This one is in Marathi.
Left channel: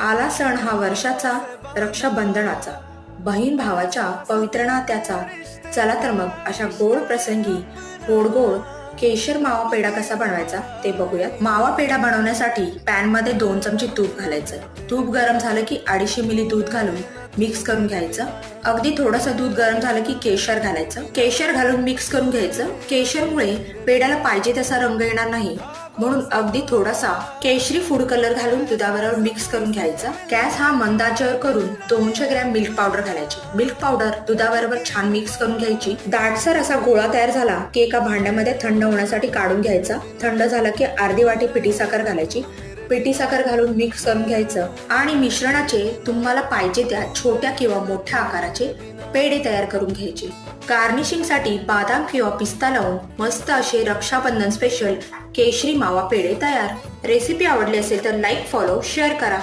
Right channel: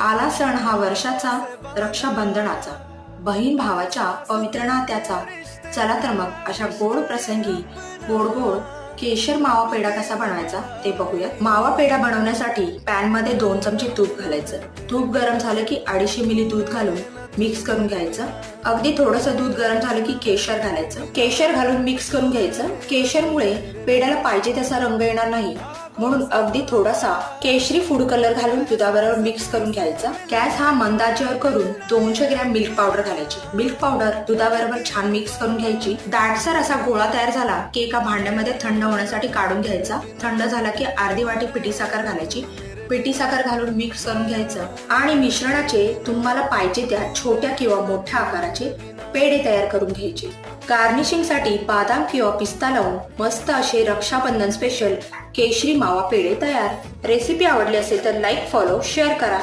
आला सण हा वर्षाचा रक्षाबंधनाचा. बहीण भावाच्या पवित्र नात्याचा. चला तर मग अशा गोड प्रसंगी गोड गोड केशर मावा पेढा कसा बनवायचा ते बघूयात. मावा पेढा बनवण्यासाठी पॅनमध्ये दोन चमचे तूप घालायचं. तूप गरम झालं की अडीचशे मिली दूध घालून मिक्स करून घ्यायचं. अगदी थोडंसं दूध गरम झालं की केशर घालायचं. केशर घालून मिक्स करून घ्यायचं. केशरमुळे पेढ्याला पाहिजे तसा रंग येणार नाही. म्हणून अगदी थोडासा केशरी फूड कलर घालून दुधाबरोबर मिक्स करून घ्यायचा. गॅस हा मंदाच्यावर करून दोनशे ग्रॅम मिल्क पावडर घालायची. मिल्क पावडर दुधाबरोबर छान मिक्स करून घ्यायची. दाटसर असा गोळा तयार झाला की एका भांड्यामध्ये थंड होण्यासाठी काढून घ्यायचा. थंड झाला की अर्धी वाटी पिठी साखर घालायची. पेटी साखर घालून मिक्स करून घ्यायचं. आणि मिश्रणाचे तुम्हाला पाहिजे त्या छोट्या किंवा मोठ्या आकाराचे पेढे तयार करून घ्यायचे. गार्निशिंगसाठी बदाम किंवा पिस्ता लावून मस्त असे रक्षाबंधन स्पेशल केशरी मावा पेढे तयार. रेसिपी आवडली असेल तर लाईक फॉलो शेअर करा.